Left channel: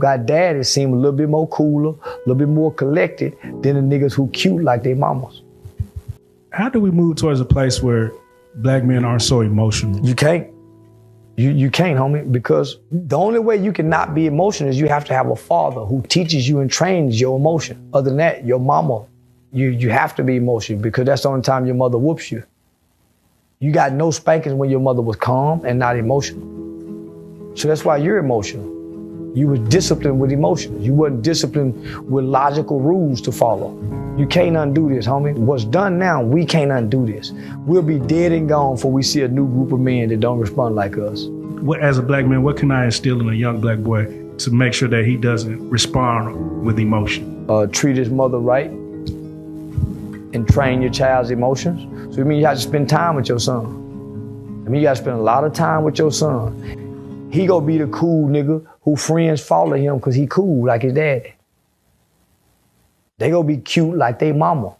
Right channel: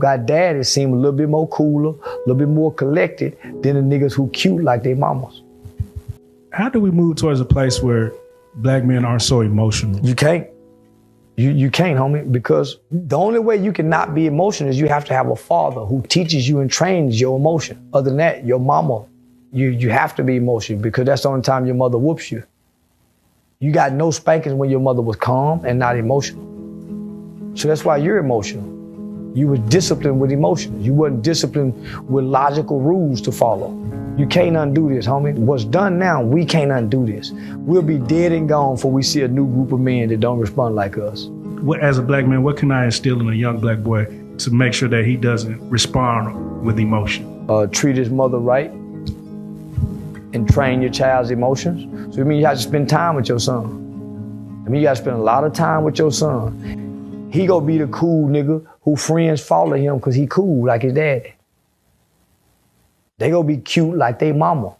got daddies seem a little bit more cooler, a little bit more collected than the niggas who cute like they mamas. How do we move towards a place where black men aren't so emotional? You can't. You can't, homie, because the only way you can not be emotional is you have to have a father who teaches you and trains your emotion. Other than that, your mama, you have to be emotional because that's the only time your mother whoops you. You got no spankings when your mother was calm and not emotional. So that's why you're emotional. You were disciplined with emotions. You wasn't disciplined with logical rules to follow. You can't undo this, homie. What's done now, we can't undo this. We'll be dead and gone before we see a new group of men that don't respond like us. As a black man, what can I instill in a young black boy to make sure that he doesn't respond with emotion? Treat his mother right and train your child's emotions. So it means you have to spend time with your son. I mean, you got to spend a lot of time with your son. He gonna be the cool nigga who friends follow him because he cool like his daddy. They gonna be cute like they mama.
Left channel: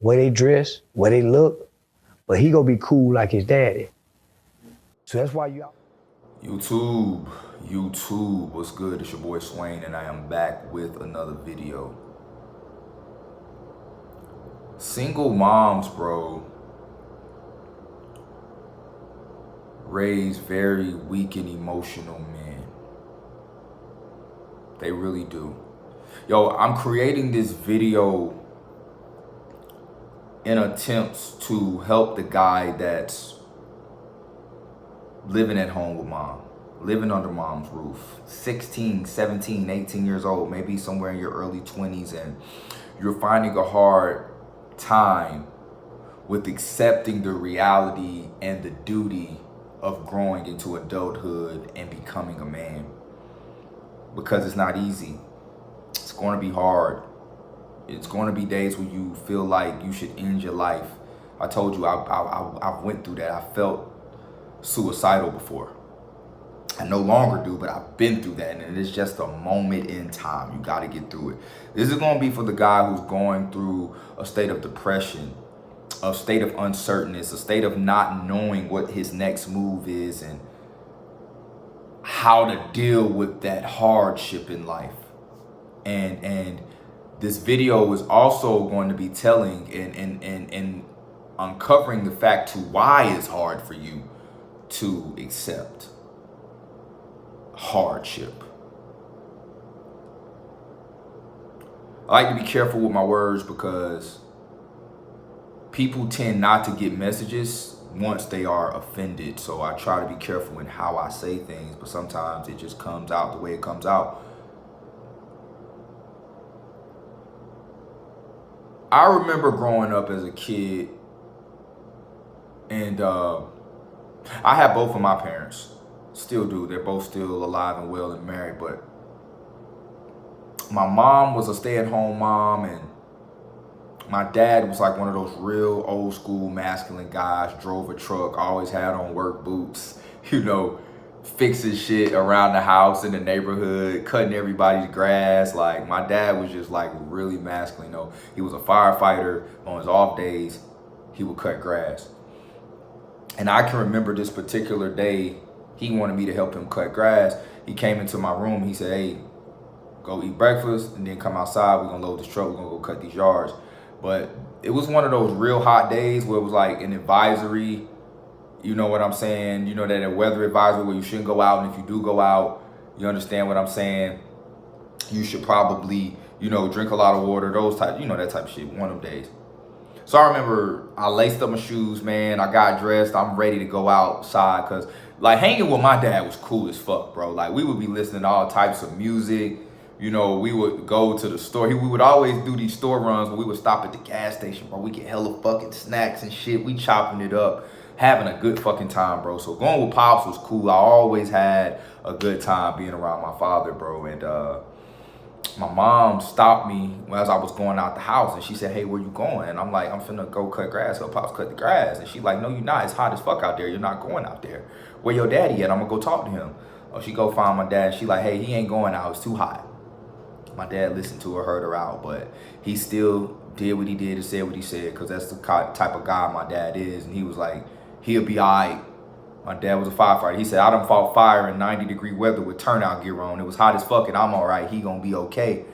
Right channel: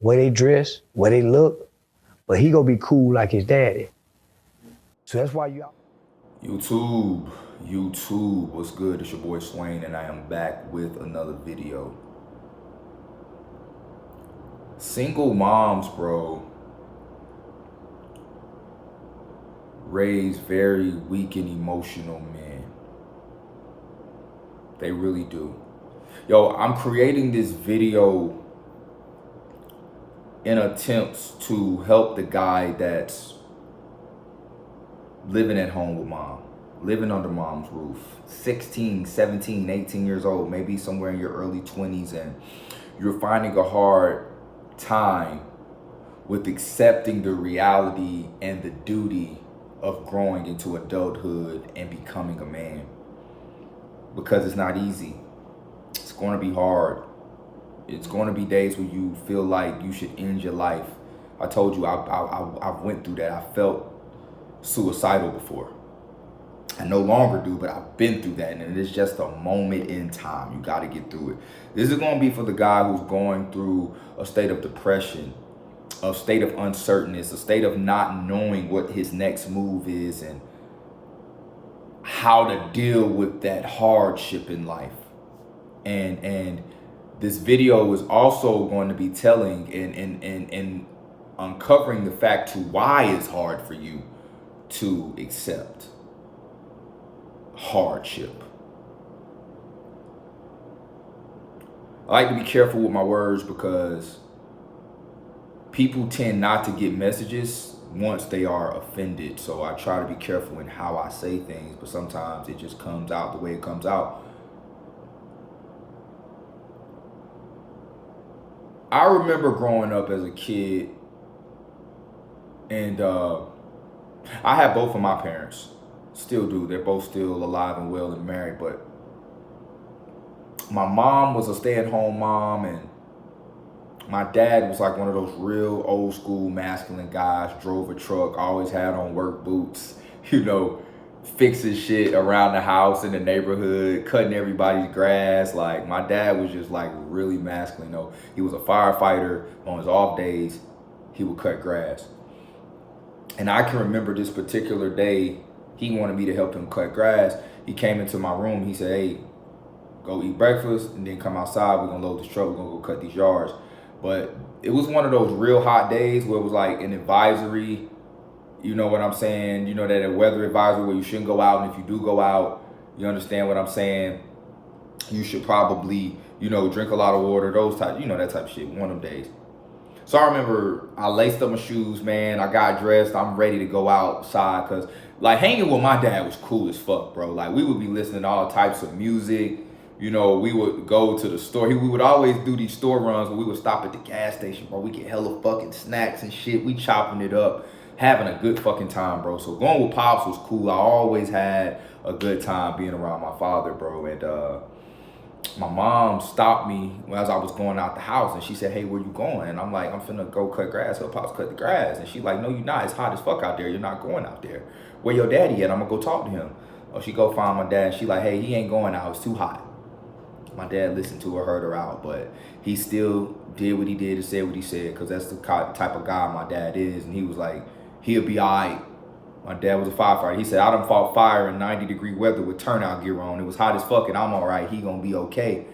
Way they dress, way they look, but he gonna be cool like his daddy. So that's why YouTube, what's good? It's your boy Swain, and I am back with another video. Single moms, bro, raise very weak and emotional men. They really do. Yo, I'm creating this video in attempts to help the guy that's living at home with mom, living under mom's roof, 16, 17, 18 years old, maybe somewhere in your early 20s, and you're finding a hard time with accepting the reality and the duty of growing into adulthood and becoming a man, because it's not easy. It's going to be hard. It's going to be days where you feel like you should end your life. I told you I went through that. I felt suicidal before. I no longer do, but I've been through that, and it is just a moment in time. You got to get through it. This is going to be for the guy who's going through a state of depression, a state of uncertainness, a state of not knowing what his next move is and how to deal with that hardship in life. And this video is also going to be telling and uncovering the fact to why it's hard for you to accept hardship. I like to be careful with my words because people tend not to get messages once they are offended. So I try to be careful in how I say things, but sometimes it just comes out the way it comes out. I remember growing up as a kid, and I had both of my parents. Still do. They're both still alive and well and married, but my mom was a stay-at-home mom, and my dad was like one of those real old school masculine guys, drove a truck, always had on work boots, you know, fixing shit around the house in the neighborhood, cutting everybody's grass. Like, my dad was just like really masculine. You know, he was a firefighter. On his off days, he would cut grass. And I can remember this particular day, he wanted me to help him cut grass. He came into my room. He said, hey, go eat breakfast and then come outside. We're gonna load this truck. We're gonna go cut these yards. But it was one of those real hot days where it was like an advisory, you know what I'm saying? You know, that a weather advisory where you shouldn't go out. And if you do go out, you understand what I'm saying? You should probably, you know, drink a lot of water, those type, you know, that type of shit, one of them days. So I remember I laced up my shoes, man. I got dressed. I'm ready to go outside because, like, hanging with my dad was cool as fuck, bro. Like, we would be listening to all types of music. You know, we would go to the store. We would always do these store runs where we would stop at the gas station, bro. We get hella fucking snacks and shit. We chopping it up, having a good fucking time, bro. So going with Pops was cool. I always had a good time being around my father, bro. And my mom stopped me as I was going out the house, and she said, hey, where you going? And I'm like, I'm finna go cut grass. So Pops cut the grass. And she's like, no, you're not. It's hot as fuck out there. You're not going out there. Where your daddy at? I'm gonna go talk to him. Oh, she go find my dad. She like, hey, he ain't going out. It's too hot. My dad listened to her, heard her out, but he still did what he did and said what he said, because that's the type of guy my dad is. And he was like, he'll be all right My dad was a firefighter. He said, I done fought fire in 90-degree weather with turnout gear on. It was hot as fuck and I'm all right. He gonna be okay.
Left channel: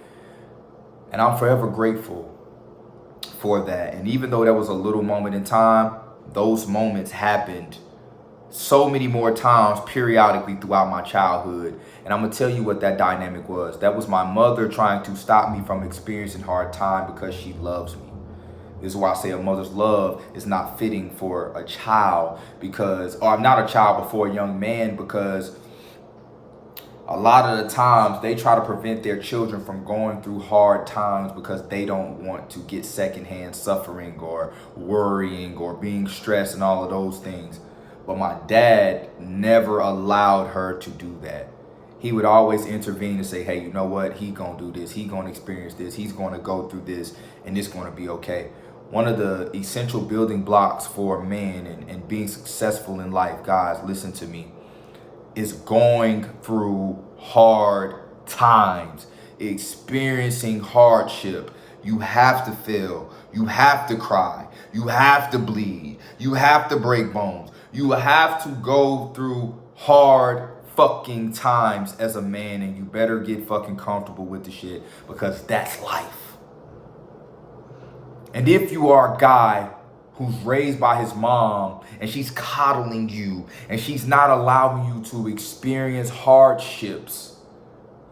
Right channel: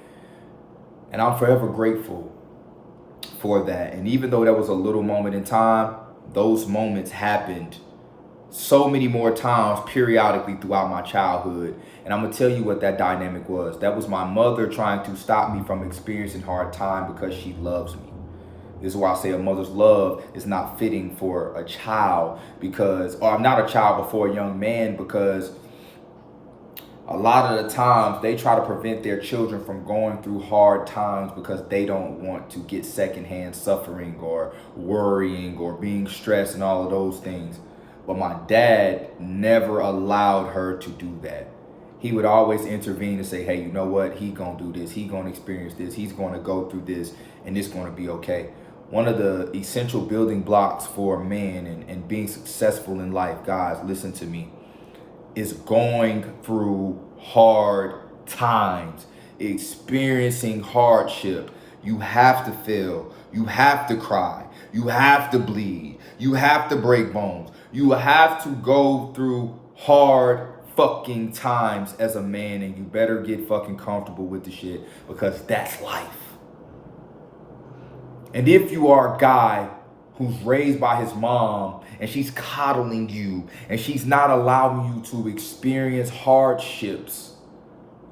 And I'm forever grateful for that. And even though that was a little moment in time, those moments happened so many more times periodically throughout my childhood. And I'm gonna tell you what that dynamic was. That was my mother trying to stop me from experiencing hard time because she loves me. This is why I say a mother's love is not fitting for a child because, or not a child, but for a young man, because a lot of the times they try to prevent their children from going through hard times because they don't want to get secondhand suffering or worrying or being stressed and all of those things. But my dad never allowed her to do that. He would always intervene and say, hey, you know what? He gonna do this. He gonna experience this. He's gonna go through this and it's gonna be okay. One of the essential building blocks for a man and being successful in life, guys, listen to me, is going through hard times, experiencing hardship. You have to fail. You have to cry. You have to bleed. You have to break bones. You have to go through hard fucking times as a man, and you better get fucking comfortable with the shit because that's life. And if you are a guy who's raised by his mom and she's coddling you and she's not allowing you to experience hardships,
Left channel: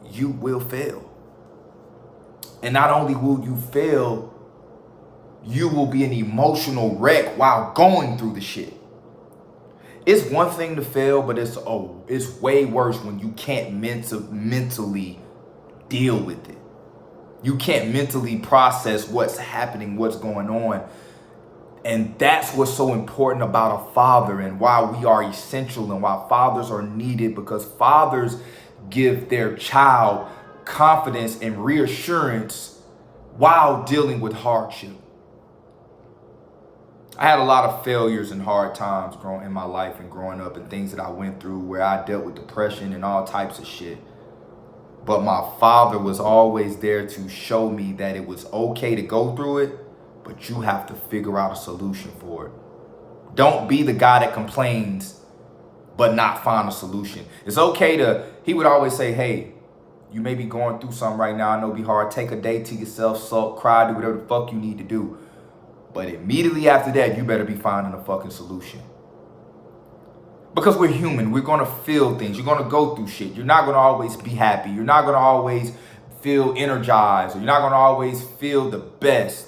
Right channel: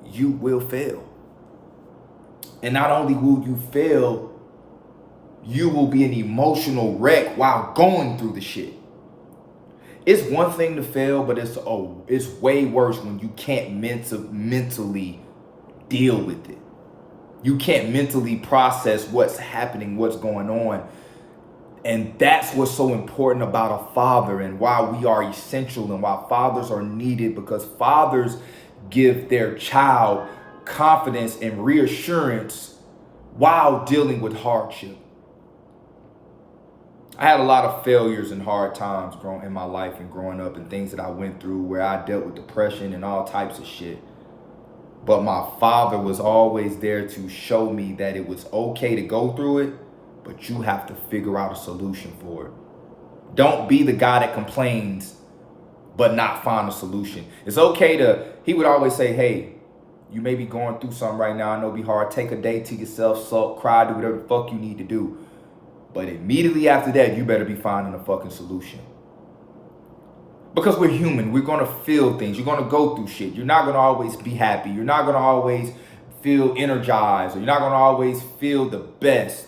you will fail. And not only will you fail, you will be an emotional wreck while going through the shit. It's one thing to fail, but it's way worse when you can't mentally deal with it. You can't mentally process what's happening, what's going on. And that's what's so important about a father and why we are essential and why fathers are needed, because fathers give their child confidence and reassurance while dealing with hardship. I had a lot of failures and hard times growing in my life and growing up, and things that I went through where I dealt with depression and all types of shit. But my father was always there to show me that it was okay to go through it, but you have to figure out a solution for it. Don't be the guy that complains but not find a solution. It's okay he would always say, hey, you may be going through something right now. I know it'll be hard. Take a day to yourself, sulk, cry, do whatever the fuck you need to do. But immediately after that, you better be finding a fucking solution. Because we're human. We're going to feel things. You're going to go through shit. You're not going to always be happy. You're not going to always feel energized. Or you're not going to always feel the best.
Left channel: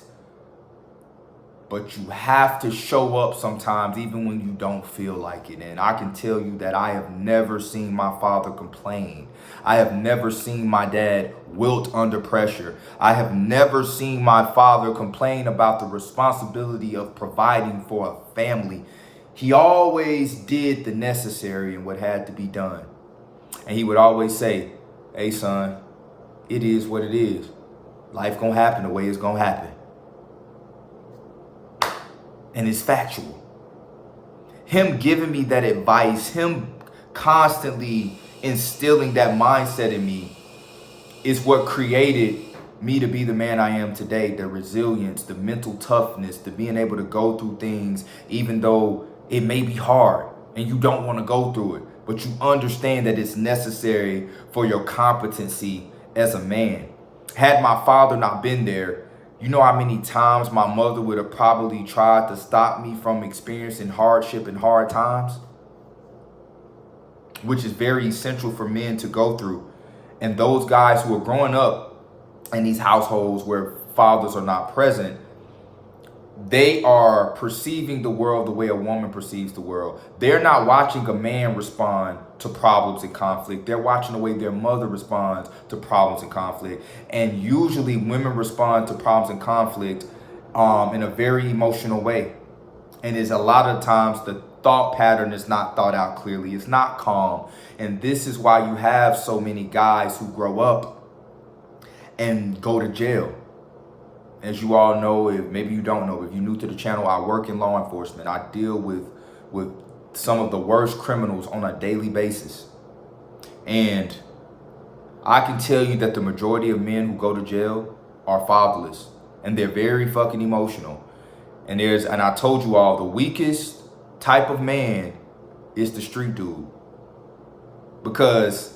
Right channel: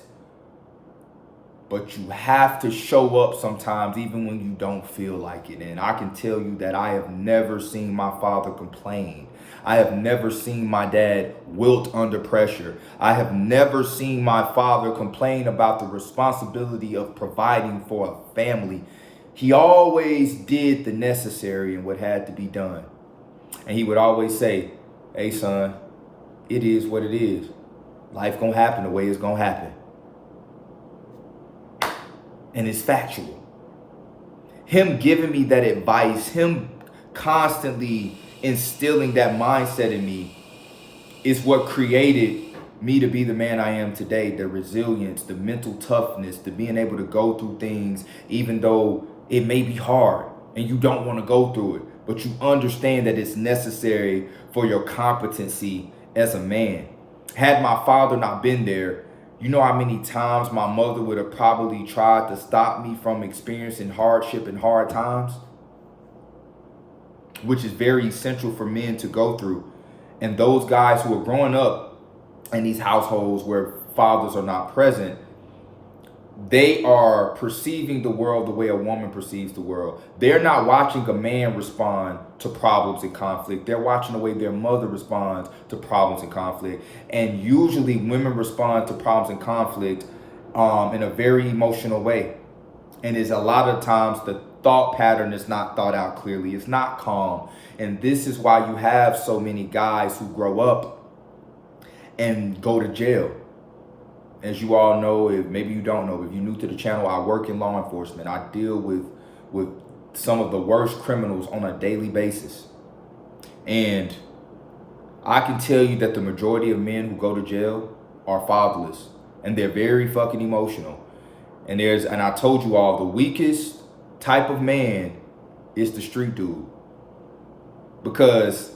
But you have to show up sometimes, even when you don't feel like it. And I can tell you that I have never seen my father complain. I have never seen my dad wilt under pressure. I have never seen my father complain about the responsibility of providing for a family. He always did the necessary and what had to be done. And he would always say, hey, son, it is what it is. Life gonna happen the way it's gonna happen. And it's factual. Him giving me that advice, him constantly instilling that mindset in me is what created me to be the man I am today. The resilience, the mental toughness, the being able to go through things even though it may be hard and you don't want to go through it, but you understand that it's necessary for your competency as a man. Had my father not been there, you know how many times my mother would have probably tried to stop me from experiencing hardship and hard times, which is very essential for men to go through. And those guys who are growing up in these households where fathers are not present, they are perceiving the world the way a woman perceives the world. They're not watching a man respond to problems and conflict. They're watching the way their mother responds to problems and conflict. And usually women respond to problems and conflict in a very emotional way. And it's a lot of times the thought pattern is not thought out clearly. It's not calm. And this is why you have so many guys who grow up and go to jail. As you all know, if maybe you don't know, if you're new to the channel, I work in law enforcement. I deal with some of the worst criminals on a daily basis. And I can tell you that the majority of men who go to jail are fatherless. And they're very fucking emotional. And I told you all, the weakest type of man is the street dude, because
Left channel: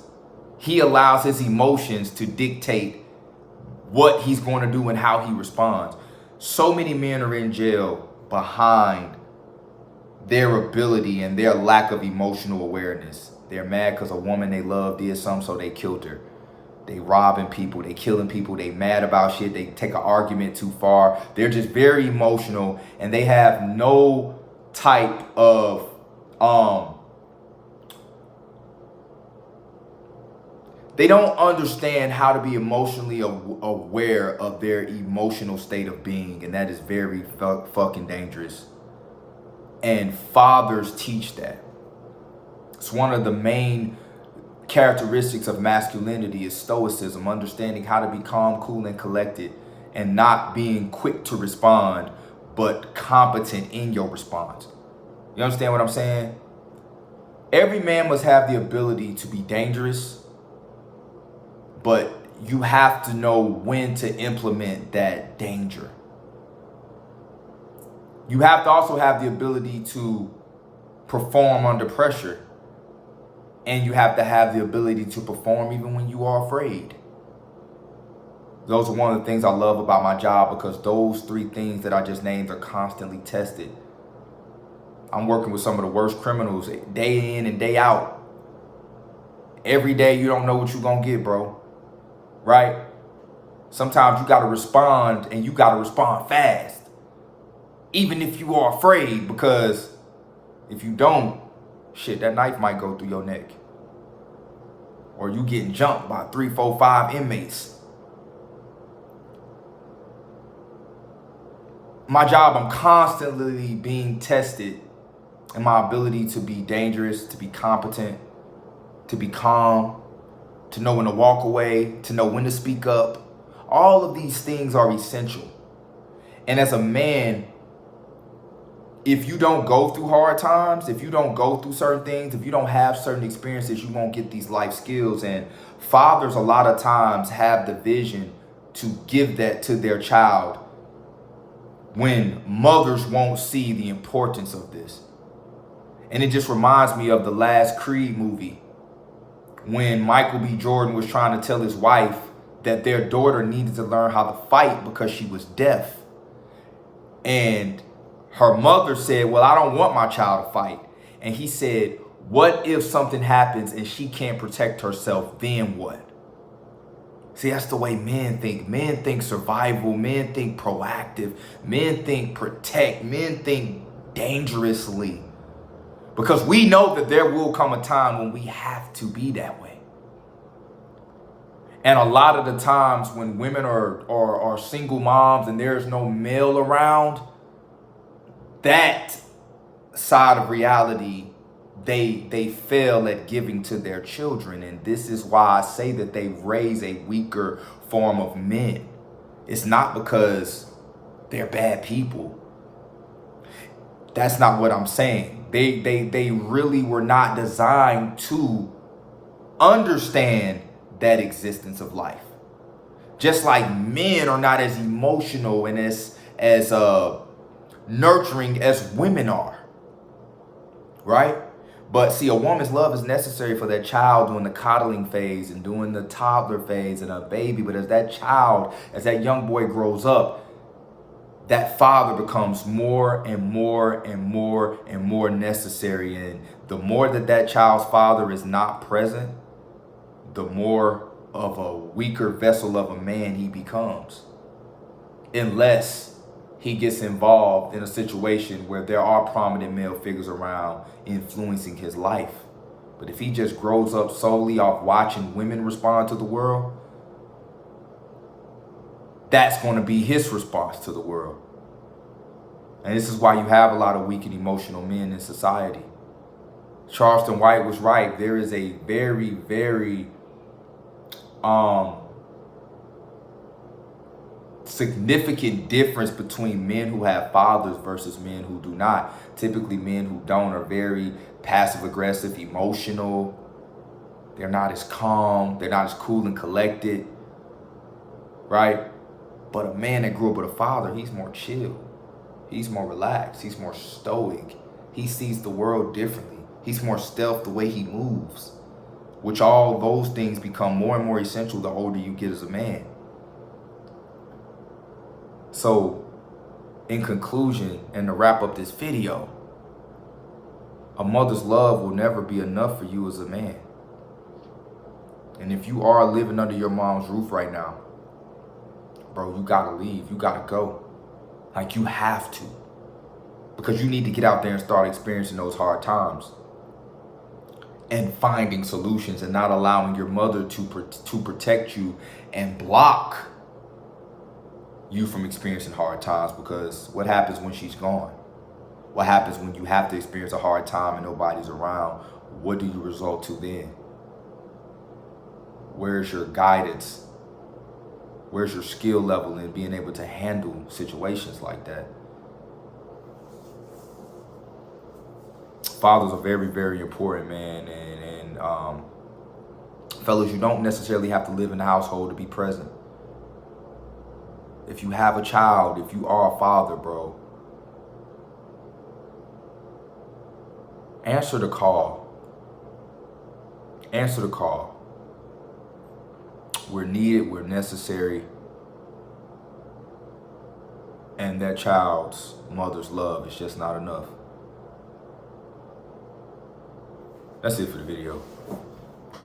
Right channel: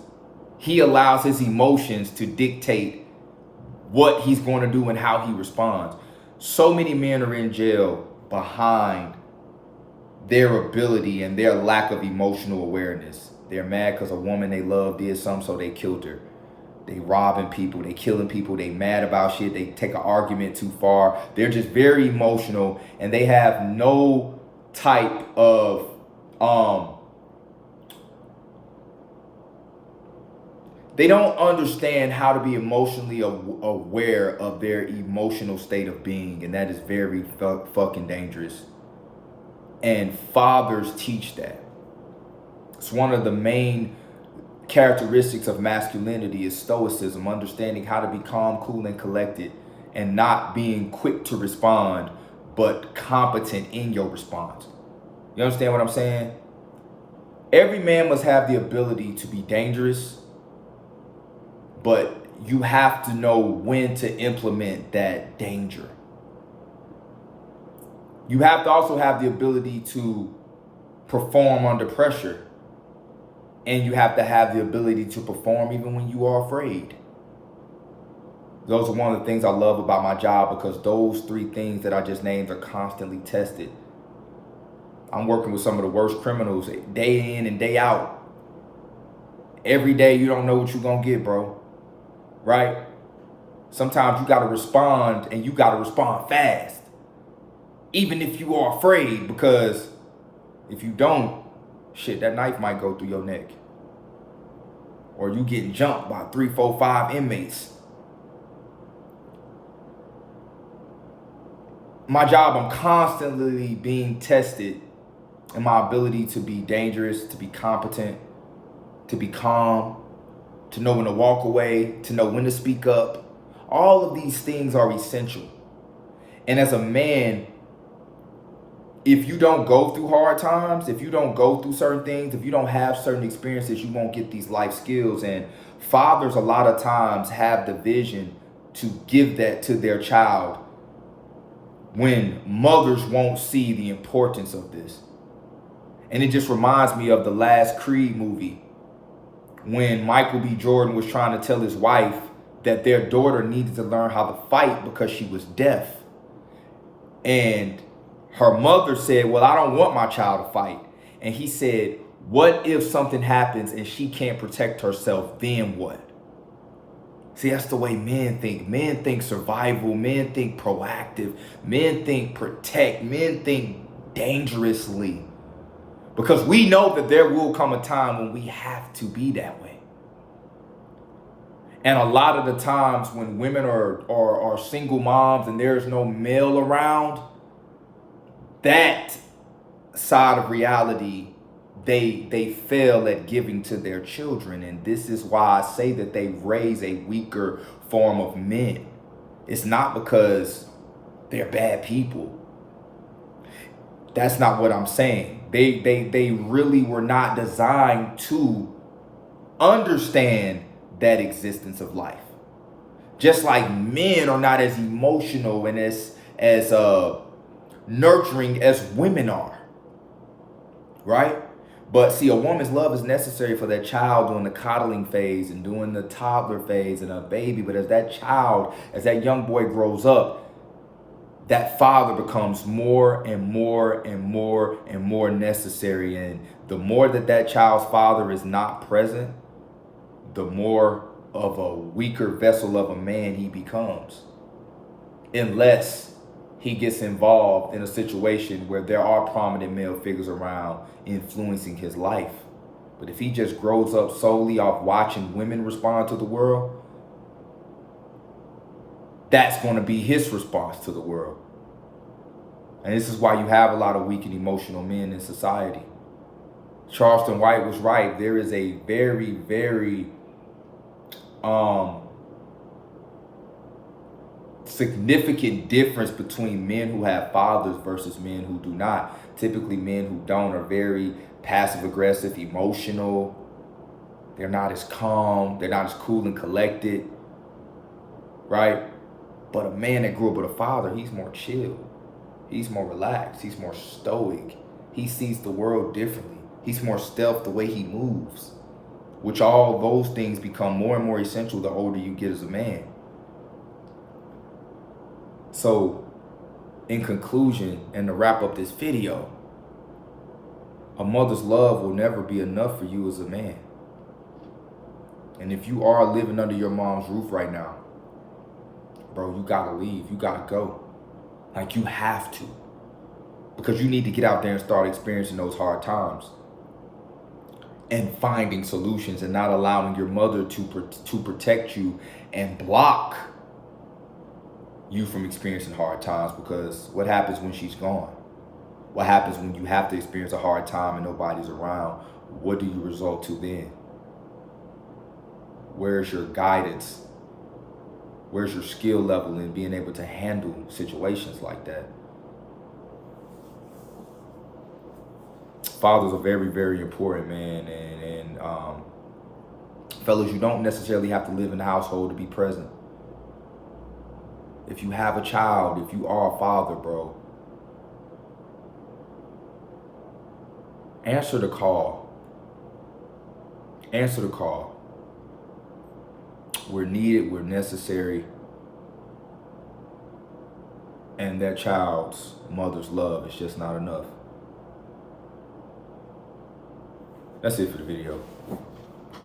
he allows his emotions to dictate what he's going to do and how he responds. So many men are in jail behind their ability and their lack of emotional awareness. They're mad because a woman they love did something, so they killed her. They robbing people, they killing people, they mad about shit, they take an argument too far. They're just very emotional, and they have no type of they don't understand how to be emotionally aware of their emotional state of being, and that is very fucking dangerous. And fathers teach that. It's one of the main characteristics of masculinity is stoicism, understanding how to be calm, cool, and collected, and not being quick to respond, but competent in your response. You understand what I'm saying? Every man must have the ability to be dangerous, but you have to know when to implement that danger. You have to also have the ability to perform under pressure. And you have to have the ability to perform even when you are afraid. Those are one of the things I love about my job, because those three things that I just named are constantly tested. I'm working with some of the worst criminals day in and day out. Every day you don't know what you're going to get, bro. Right? Sometimes you got to respond, and you got to respond fast. Even if you are afraid, because if you don't, shit, that knife might go through your neck. Or you getting jumped by 3, 4, 5 inmates. My job, I'm constantly being tested in my ability to be dangerous, to be competent, to be calm, to know when to walk away, to know when to speak up. All of these things are essential. And as a man, if you don't go through hard times, if you don't go through certain things, if you don't have certain experiences, you won't get these life skills. And fathers a lot of times have the vision to give that to their child, when mothers won't see the importance of this. And it just reminds me of the last Creed movie, when Michael B. Jordan was trying to tell his wife that their daughter needed to learn how to fight because she was deaf. And her mother said, well, I don't want my child to fight. And he said, what if something happens and she can't protect herself, then what? See, that's the way men think. Men think survival. Men think proactive. Men think protect. Men think dangerously. Because we know that there will come a time when we have to be that way. And a lot of the times when women are single moms and there's no male around, that side of reality, they fail at giving to their children. And this is why I say that they raise a weaker form of men. It's not because they're bad people. That's not what I'm saying. They really were not designed to understand that existence of life. Just like men are not as emotional and as nurturing as women are, right? But see, a woman's love is necessary for that child during the coddling phase and during the toddler phase and a baby. But as that child, as that young boy grows up, that father becomes more and more and more and more necessary. And the more that that child's father is not present, the more of a weaker vessel of a man he becomes. Unless he gets involved in a situation where there are prominent male figures around influencing his life. But if he just grows up solely off watching women respond to the world, that's going to be his response to the world. And this is why you have a lot of weak and emotional men in society. Charleston White was right. There is a very, very significant difference between men who have fathers versus men who do not. Typically, men who don't are very passive aggressive, emotional. They're not as calm. They're not as cool and collected, right? But a man that grew up with a father, he's more chill. He's more relaxed. He's more stoic. He sees the world differently. He's more stealth the way he moves, which all those things become more and more essential the older you get as a man. So, in conclusion, and to wrap up this video, a mother's love will never be enough for you as a man. And if you are living under your mom's roof right now, bro, you gotta leave, you gotta go. Like, you have to. Because you need to get out there and start experiencing those hard times. And finding solutions and not allowing your mother to protect you and block you from experiencing hard times. Because what happens when she's gone? What happens when you have to experience a hard time and nobody's around? What do you result to then? Where's your guidance? Where's your skill level in being able to handle situations like that? Fathers are very, very important, man. And fellas, you don't necessarily have to live in the household to be present. If you have a child, if you are a father, bro, answer the call. Answer the call. We're needed, we're necessary. And that child's mother's love is just not enough. That's it for the video.